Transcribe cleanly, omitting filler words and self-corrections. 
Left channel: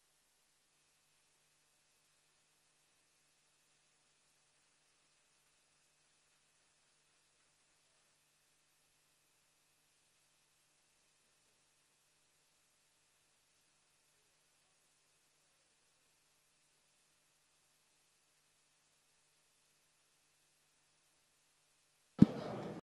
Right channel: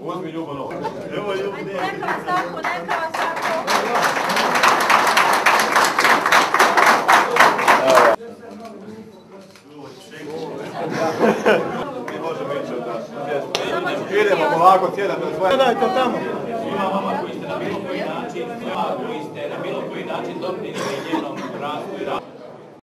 Uzmi Ljubo novo. Evo Ljubo. Neka vas tako, neka vas tako. Mi možemo ići od nas. Idemo polako, sjedamo na svoje. Gledajte tamo. Svima vama koji ste na bilo koji način doprinijeli njenom razvoju.